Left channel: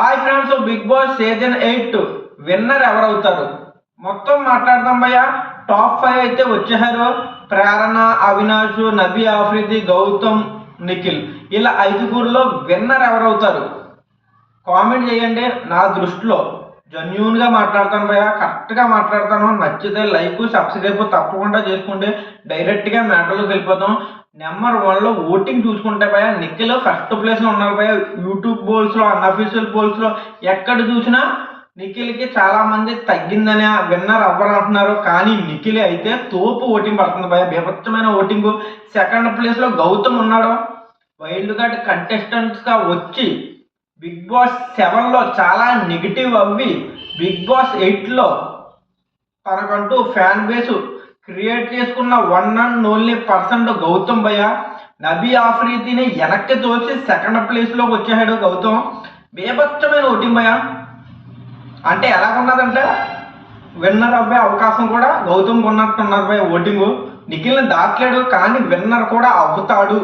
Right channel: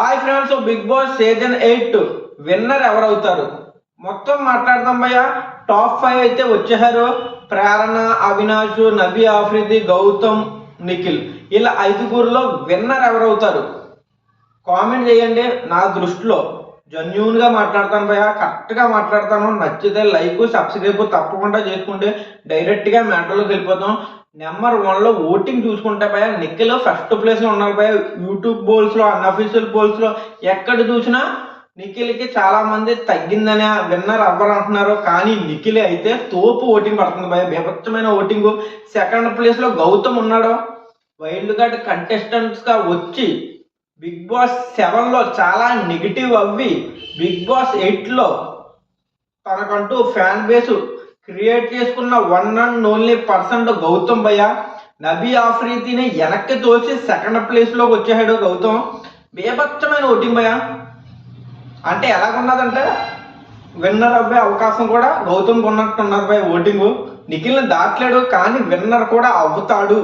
Hi friends, Bigg Boss season 8 winner ఎవరవుతారు మొత్తం మాట్లాడదాం భయ్య. టాప్ 5 అయితే వచ్చేసారు. ప్రేరణ, అవినాష్, నబీ ఆఫ్రిది, గౌతమ్, నిఖిల్. ఇలా ఐదుగురులో విన్నర్ ఎవరవుతారు కామెంట్ చేయండి. నా దృష్టిలో జెన్యూన్గా మాట్లాడతాను భయ్య, కరెక్ట్గా మాట్లాడతాను. నచ్చితే లైక్, సబ్స్క్రైబ్ తప్పకుండా చేసుకుంటే డైరెక్ట్గా మ్యాటర్లోకి వెళ్ళిపోతాం. నెంబర్ 1లో ఓటింగ్ చూసుకుంటే భయ నిఖిల్ ఫస్ట్ ప్లేస్లో ఉన్నారు భయ. యూట్యూబ్ పోల్స్లో, అన్అఫీషియల్ పోల్స్లో ఎక్కడ చూసినా నిఖిల్కి చాలా మంది తగ్గిందని విన్నర్ అవ్వరు అంటున్నారు. కానీ నిఖిల్ అయితే తోపు ఓటింగ్ పడుతుంది భయ, బీభత్సమైన ఓటింగ్. సెకండ్ ప్లేస్లో గౌతమ్ ఉన్నాడు. వైల్డ్ కార్డ్ కంటెస్టెంట్స్గా వచ్చి బిగ్ బాస్ 7లో చాలా నెగిటివ్ అవ్వి బిగ్ బాస్ 8లో తనకంటూ ఫ్యాన్ బేస్ క్రియేట్ చేసుకున్న one and only person Gautam భయ్య. నబీ ఆఫ్రీదిని వెనక్కి తోసి సెకండ్ ప్లేస్లోకి వచ్చేసాడు గౌతమ్. బేభత్సమైన ఓటింగ్ భయ్య. అంటే ఎలాగున్నదంటే విన్నర్ అవ్వే అవకాశం కూడా గౌతమ్ ఉన్నట్టు ఉన్నది భయ్య. ఓటింగ్ నిఖిల్ని దాటలేడు, కానీ విన్నర్ కూడా అవుతాడు.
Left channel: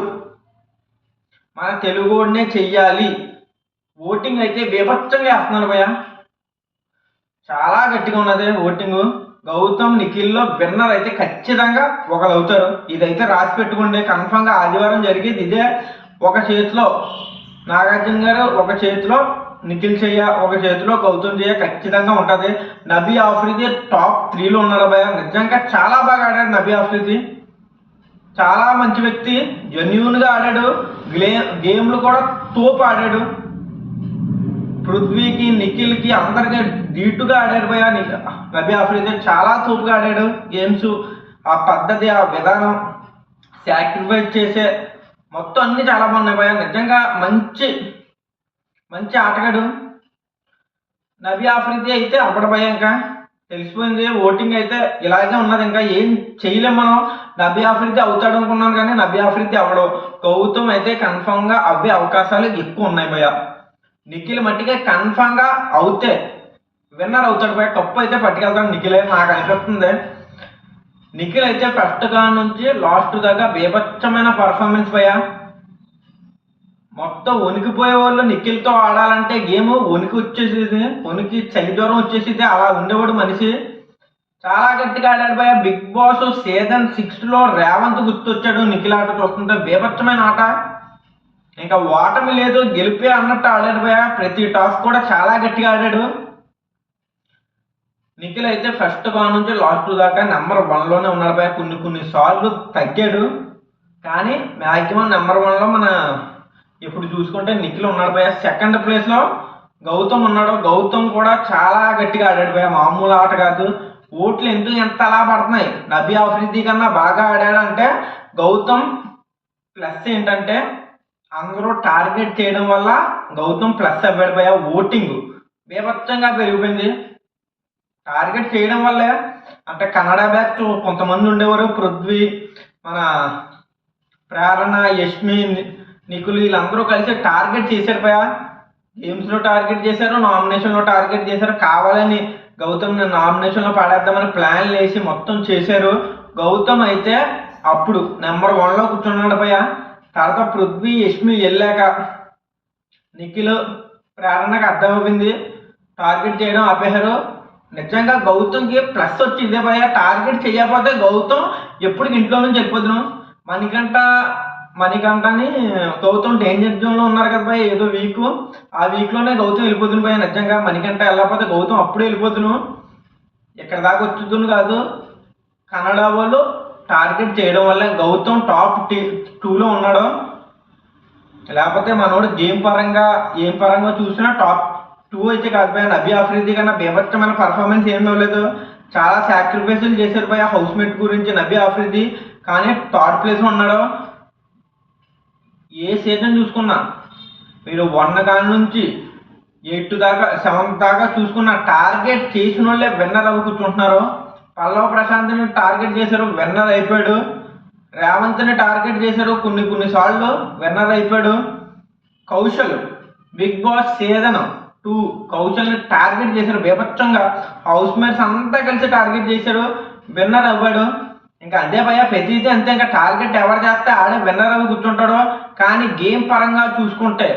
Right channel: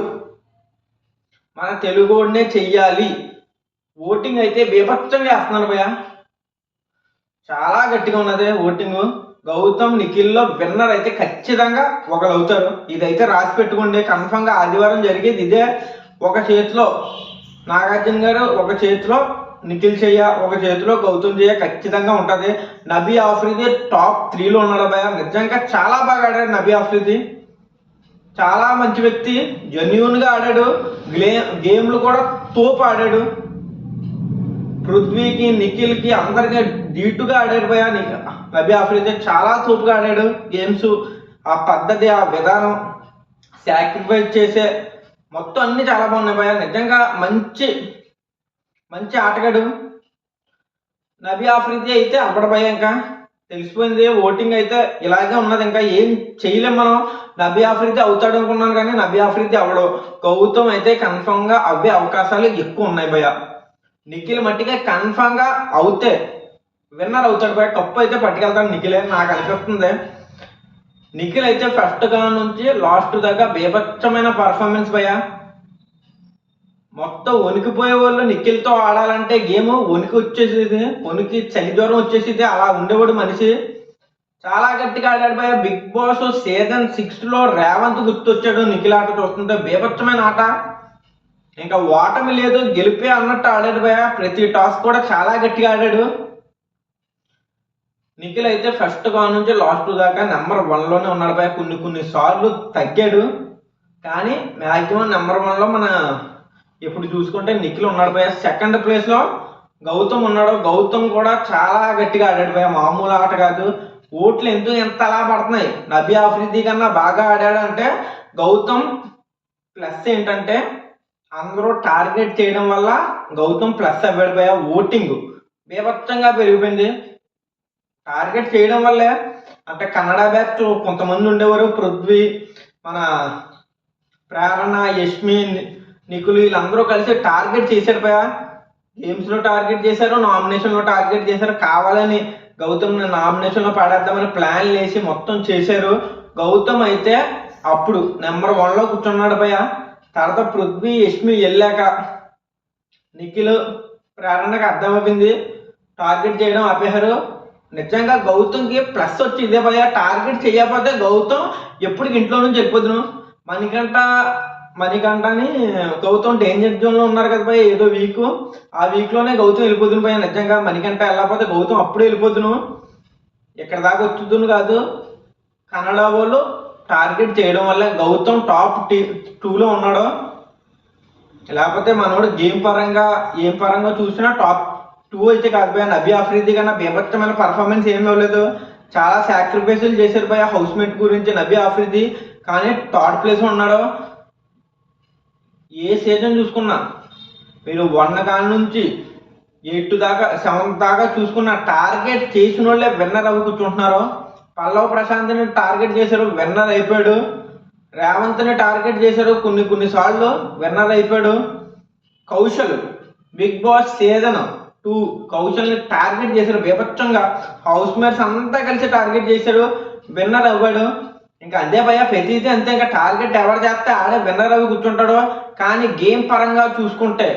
మన తెలుగునే చెయ్యాలి. ఓటింగ్ అయితే బేభత్సంగా వేస్తున్నారు భయ్య, చాలా గట్టిగా ఉన్నది ఓటింగ్. గౌతమ్, నిఖిల్లో విన్నర్ అయితే ఖచ్చితంగా ఒకరు అవుతారు. ఇదైతే రాసి పెట్టుకోండి. కన్ఫామ్గా ఆదివారం జరిగేది ఇదే. ఒక చేతిలో నాగార్జున గారు, ఒక చేతిలో నిఖిల్ చెయ్య, ఒక చేతిలో గౌతమ్ చెయ్య ఖచ్చితంగా ఉంటుంది. నబీ ఆఫ్రిది టాప్ 3లో ఉన్నాడు భయ. నిజంగా చాలా బాగా ఆడాడు నబీ ఆఫ్రిది. చాలా మంచి వ్యక్తి, జెన్యూన్గా ఆడాడు. గేమ్లు కూడా తోపు ఆడాడు. పృథ్వీకి, నిఖిల్కి అందరికీ ధీటుగా ఆడాడు భయ. నబీ ఆఫ్రిది చాలా తోపుగా ఆడాడు గేమ్స్. ఆ పద్ధతి, ఆ విధానం, సాక్రిఫైస్ చేసే మొత్తం అన్నీ చాలా బాగున్నాయి భయ. నిజంగా మంచి మంచి ఆటగాడు నబీ ఆఫ్రిది. అయితే అప్పటి భయ ఇంకా తెలిసిపోయింది. ఓటింగ్ అయితే ఇలాగే ఉన్నది, ఇంకా ఏం చేయలేం మనం. నబీ ఆఫ్రిది అవుతాడు అనుకున్నాను, కానీ నబీ ఆఫ్రిది అవడం. గౌతమ్ అయితే కన్ఫామ్గా అవే అవకాశాలు ఎక్కువ ఉన్నాయి భయ. నిఖిల్ మట్టిగా కన్ఫామ్గా అవుతే విన్నర్ అవుతాడు భయ. కప్పు అయితే పట్టుకెళ్తాడు నిఖిలే నాకు అనిపిస్తుంది. నిఖిల్ అయితే ఫస్ట్ గా నుంచి లాస్ట్ దాకా బీభత్సమైన పర్ఫార్మెన్స్ భయ. మొత్తం వణికిపోయే వాళ్ళు నిఖిల్తో ఆడాలంటే గేమ్ వణికి వచ్చేసేది, వణికి చలి జ్వరం వచ్చేసేది. అలా ఉండేవాడు మనిషి. చాలా గట్టిగా ఆడాడు భయ. బిగ్ బాస్ సీజన్ 6లో రేవంత్ గుర్తొచ్చాడు నిఖిల్ ఆట చూస్తుంటే. బీభత్సమైన ఆట, ఇంకా ఓటమి లేదు, గెలిపే అన్నట్టు ఆడాడు భయ. ప్రతి టాస్ కూడా చాలా గట్టిగా ఆడాడు. నిఖిల్ అయితే ఫస్ట్ గా నుంచి లాస్ట్ దాకా నెంబర్ 1లోనే ఉన్నాడు భయ. కొన్ని సార్లు తగ్గాడు, కానీ మ్యాక్సిమం నెంబర్ 1లో మన ఇప్పుడు చూసుకుంటే నిఖిల్ ఉన్నాడు భయ. సెకండ్ ప్లేస్లో గౌతమ్ ఉన్నాడు. గౌతమ్ కూడా చాలా గట్టిగా ఆడాడు భయ, మామూలు ఆట కాదు. ఓట్లు ఎందుకు ఎంత అలా పడుతున్నాయి, నబీ ఆఫ్రిది కన్నా బాగా ఆడాడు అంటే గౌతమ్ ప్లస్ ఏంటంటే అందరూ టార్గెట్ చేయడం వల్ల గౌతమ్ ప్లస్ అవ్వాడు భయ. ఓటింగ్ బీభత్సంగా పెరిగిపోయింది టార్గెట్ చేయడం వల్లే. అంటే కన్నడ బ్యాచ్ కొంతమంది ఉండేవారు, పృథ్వీ, మన ప్రేరణ, యష్మి, నిఖిల్ వీళ్ళందరూ కలిసి టార్గెట్ చేశారు భయ. గేమ్స్లో టార్గెట్ చేశారు, నామినేషన్లో టార్గెట్ చేశారు. కావాలని గౌతమ్ని నామినేషన్లో పడేద్దామని ప్లాన్లు వేసి మొత్తం చేశారు. గౌతమ్ అయితే అప్పుడు నెంబర్ 1లో కూర్చున్నాడు భయ. తర్వాత పృథ్వీ, యష్మి వెళ్ళాక నిఖిల్, ప్రేరణకు అర్థమైంది, టార్గెట్ చేయడం ఆపేశారు. నిజంగా గౌతమ్కి ప్లస్ వచ్చి ఇదే భయ. టార్గెట్ చేయకపోతే గౌతమ్ ఎప్పటికి ఇంట్లో నుంచి వెళ్ళిపోతున్నాం. మణికంఠని గౌతమ్ డేంజర్ జోన్లో ఉన్నారు కదా భయ, ఏదో వీక్. ఆ వీక్లోనే గౌతమ్ వెళ్ళిపోతున్నాం భయ. నిజంగా మణికంఠ వెళ్ళకపోతే గౌతమ్ అప్పుడే వెళ్ళిపోతున్నాం, ఇక్కడ దాకా వచ్చుతుంది కాదు. కన్నడ వాళ్ళు టార్గెట్ చేయడం వల్ల గౌతమ్ టాప్ 2లో ఉన్నాడు. లేకపోతే మనోడు గేమ్ పరంగా ఏం పరంగా చూసినా టాప్ 2 అయితే కాదు భయ. నబీ ఆఫ్రిది కన్నా బీభత్సమైన పర్ఫార్మెన్స్ ఏమీ ఇవ్వలేదు. చాలా సాక్రిఫైసులు చేశారు భయ హౌస్ మేట్ గురించి నబీ ఆఫ్రిది, కానీ థర్డ్ ప్లేస్లో ఉన్నాడు. ఏ సీజన్ చూసుకున్నా మీరు 1 కాడి నుంచి 8 దాకా 7 దాకా చూసుకున్న టార్గెట్ చేసిన వాళ్ళే విన్నర్ అవి కూర్చుంటున్నారు. పల్లవ్ ప్రశాంత్ని టార్గెట్ చేశారు, విన్నర్ అయిపోయాడు. రేవంత్ని టార్గెట్ చేశారు, కొన్ని సార్లు విన్నర్ అయిపోయాడు. కౌశల్ బిగ్ బాస్ సీజన్ 2 కౌశల్ని టార్గెట్ చేశారు బీభత్సంగా. హౌస్ మేట్స్ అంతా కలిసి టార్గెట్ చేశారు, విన్నర్ అవ్వాడు. ఇంకా అదే భయ, ప్రతిదీ అంతే. ఇంకా టార్గెట్ ఎవరు చేస్తే ఆడే విన్నర్ అవి కూర్చుంటాడో. కానీ గేమ్ పరంగా చూసుకుంటే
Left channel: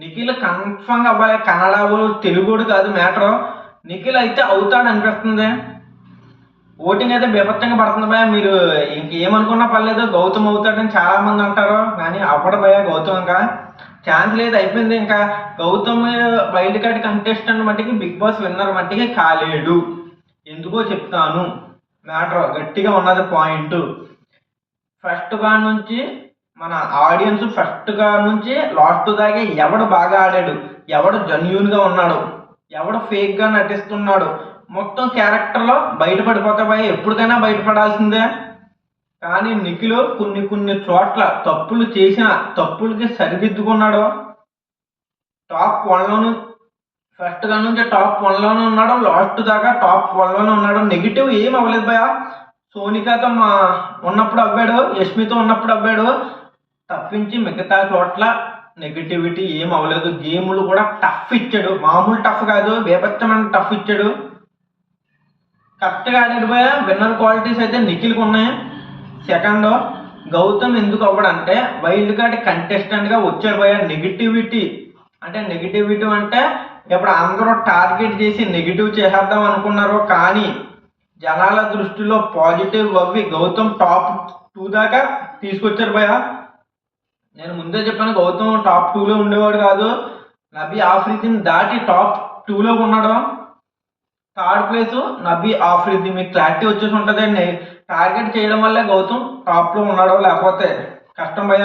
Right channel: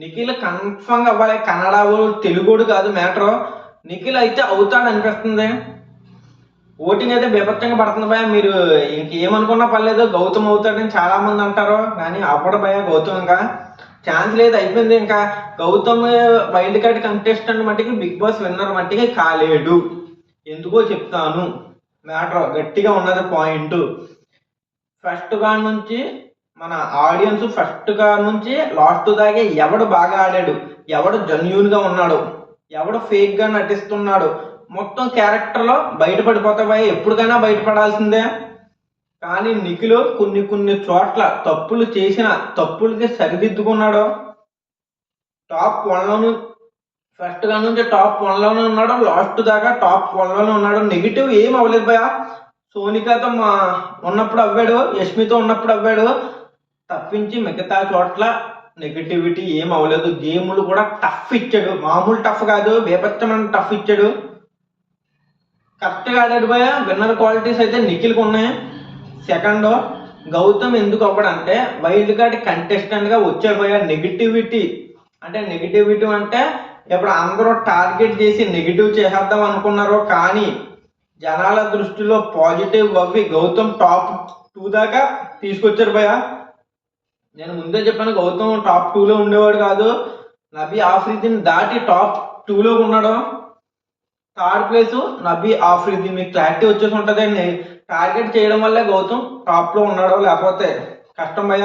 నిఖిల్ కన్ఫర్మ్గా అవ్వాలి. కన్నడ తెలుగుడు కాదు మ్యాటర్. నిఖిల్ అయితే అవుతాడు అనిపిస్తుంది. ఓటింగ్ అయితే బీభత్సంగా పడుతుంది భయ. మీరు ఇంకేమనుకున్నా పర్లేదు, గౌతమ్ అవుతాడని చాలా మంది అంటారు, కానీ అవ్వడు భయ. గౌతమ్ ఇంకా ఛాన్స్ లేదు, అయిపోయింది. ఇంకా గౌతమ్ వైల్డ్ కార్డ్ కంటెస్టెంట్ మట్టికి బిగ్ బాస్ విన్నర్ మట్టికి కాలేడు. ఎందుకో చెప్తాను. మ్యాటర్ గట్టిగా ఉన్నది పాయింట్. ఫస్ట్ గా నుంచి మన ఆడియన్స్ ఫస్ట్ గా నుంచి లాస్ట్ దాకా ఎవడు బాగా ఆడాడు, ఎవడు జెన్యూన్ గా ఉన్నాడు, ఎవడు ఫేక్ గా నటిస్తున్నాడు, మొత్తం క్యారెక్టర్లో బయటపడిపోతాయి. ఎప్పటికైనా బయటపడాల్సిందే. కానీ నిఖిల్ కొన్ని చోట్ల తప్పులు చేసిన తప్పులకి సరిదిద్దుకున్నాడు. టాప్ 1లోను ఫస్ట్ గా నుంచి టాప్ 1లోనే ఉన్నాడు, లాస్ట్ దాకా టాప్ 1లోనే ఉన్నాడు. నెగిటివ్ ఏం అవ్వలేదు భయ. సోనికాతో ఉన్నప్పుడు అవ్వాడు, యష్మితో ఉన్నప్పుడు అవ్వాడు, తప్పించి మిగతా చోట్ల నెగిటివిటీ ఏం అవ్వలేదు. గేములు కూడా టఫ్ ఇచ్చాడు, మామూలు టఫ్ కాదు, బేపచ్చమైన టఫ్ ఇచ్చాడు. కరెక్ట్గా ఆడాడు భయ. విన్నర్ క్వాలిటీస్ అయితే నిఖిల్కి ఉన్నాయి. సెకండ్, గౌతమ్ ఎందుకు అవ్వడంటే వైల్డ్ కార్డ్ కంటెస్టెంట్గా వచ్చే భయ. నెగిటివిటీ అంటే ఇప్పుడు అందరూ టార్గెట్ చేసి నెగిటివ్ చేసేద్దాం అనుకున్నారు, కానీ జనాల దృష్టిలో పాజిటివ్ అవ్వి గౌతమ్ టాప్ 2 దాకా తీసుకొచ్చారు భయ. నేను ముందే చెప్పాను, గౌతమ్ టాప్ 2లో ఉండేవాడు కాదు. నబీ ఆఫ్రిదీని దాటి టాప్ 2లో ఉన్నాడు. Third place Nabi Afridi. మీకు క్లారిటీ వచ్చేసి ఉంటుందండి. టార్గెట్ చేయడం వల్లే గౌతమ్ టాప్లో ఉన్నాడు, లేకపోతే కష్టం భయ.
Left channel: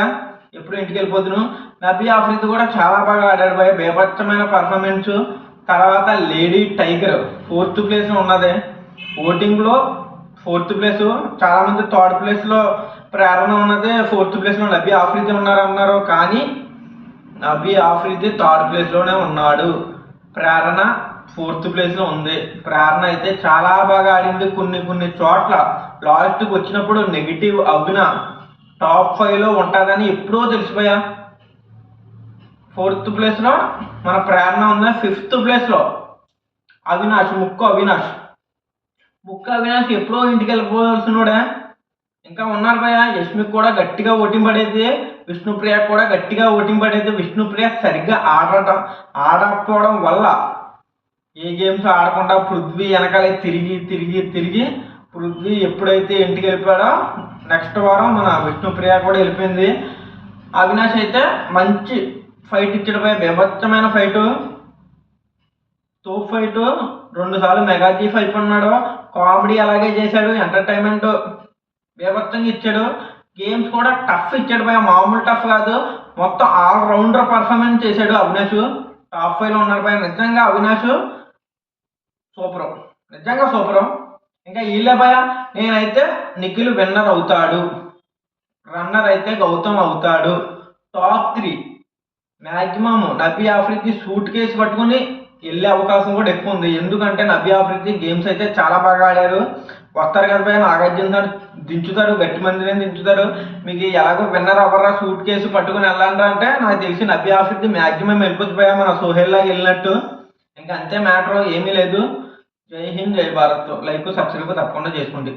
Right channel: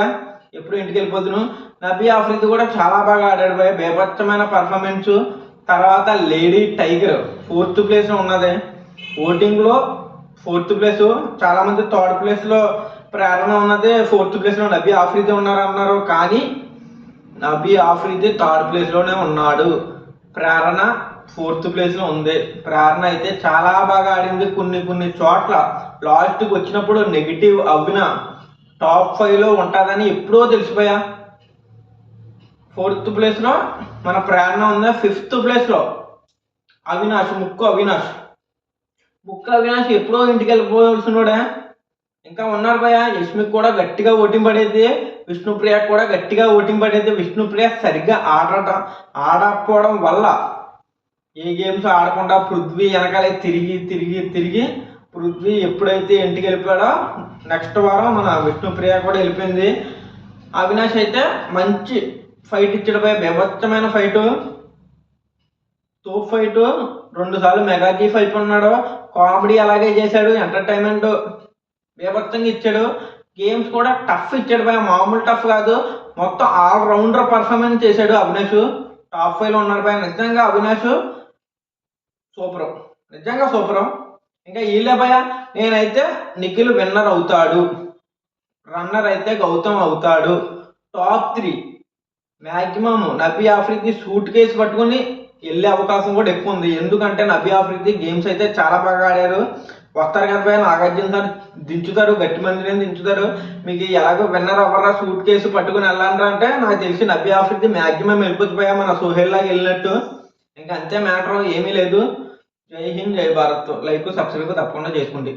ఎప్పుడు ఇంటికి వెళ్ళిపోతున్నాను. నబీ ఆఫ్రిది కూడా చాలా బాగా ఆడాడు భయ, బేభత్సమైన పర్ఫార్మెన్స్. తర్వాత లేడీ టైగర్ 4th ప్లేస్లో ఉన్నది. ఓటింగ్లో 4th ప్లేస్. చాలామంది 3rd ప్లేస్లో ప్రేరణ ఉన్నది, 4th ప్లేస్లో నబీ ఆఫ్రిది ఉన్నారన్నారు, కానీ నబీ ఆఫ్రిది 3rd ప్లేస్లోనే ఉన్నాడు. ప్రేరణ 4th ప్లేస్లో ఉంది. ప్రేరణ అయితే చాలా బాగా ఆడింది. కొన్ని చోట్ల లాస్ట్కి వచ్చినప్పుడు నెగిటివ్ అవ్విన టాప్ 5లో ఉంటుందని ఎప్పుడో తెలిసిపోయా. 4th ప్లేస్లో మన ప్రేరణ ఉంది. 5th ప్లేస్లో ముక్కు అవినాష్ ఎప్పుడో ఇంటికి వెళ్ళిపోవాల్సినోడే. ఇంకా ఉన్నారు భయ. యష్మికి కూడా గట్టిగా ఓటింగ్ పడేది, విష్ణుప్రియ కూడా గట్టిగా ఓటింగ్ పడేది. విష్ణుప్రియ సరిగ్గా ఆడకపోవడం వల్ల ఏ గేమ్స్ ఆడకుండా పృథ్వీ వెనకాలే తిరిగి పృథ్వీ ఎప్పుడైతే ఇంటికి వెళ్ళిపోయాడో నెక్స్ట్ వారం మన విష్ణుప్రియ కూడా వెళ్ళిపోయింది. అవినాష్ అయితే మంచి ఫైట్ ఇచ్చాడు భయ, బీభత్సమైన ఫైటు, తోపు ఫైటు. 2 సార్లు మెగా చీఫ్ అయిపోయినాడు. కామెడీ అలాగే చేశాడు, ఎంటర్టైన్మెంట్ బీభత్సంగా ఇచ్చాడు. గేమ్స్ కూడా టఫ్ ఇచ్చాడు భయ, మామూలు టఫ్ కాదు. మొత్తం ఆల్రౌండర్ పర్ఫార్మెన్స్ చేశాడు అవినాష్. టాప్ 5లో ఉన్నాడు భయ. నిజంగా అవినాష్ సూపరు, నిజంగా సూపరు. ఇంకా వీళ్ళే భయ. నేనైతే నిఖిల్ విన్నర్ అవుతాడు, రన్నర్ అయితే గౌతమ్ అవుతాడు. Top 3 maximum Nabi Afridi suit case పట్టుకుని వెళ్ళే అవకాశం కూడా ఎక్కువ ఉంది. ఎందుకంటే నబీ ఆఫ్రిది గేమ్స్ అయితే చాలా బాగా ఆడారు. వస్తారు కదా భయ, నాగార్జున సార్ దించుతారు, గట్టి మందిని దించుతారు. మీకు ఎలాగో విన్నర్ అవ్వరా సూట్ కేసు పట్టుకుని వెళ్ళాలంటే అంటే నాకు తెలిసి నబీ ఆఫ్రిది మ్యాక్సిమం వెళ్ళిపోతే భయ, మన సోహెల్ లాగా వెళ్ళినట్టు. ఇంకా అంతే మ్యాటర్, ఏమీ లేదు. జై హింద్, జై భారత్. లైక్ సబ్స్క్రైబ్ తప్పకుండా చేసుకోండి.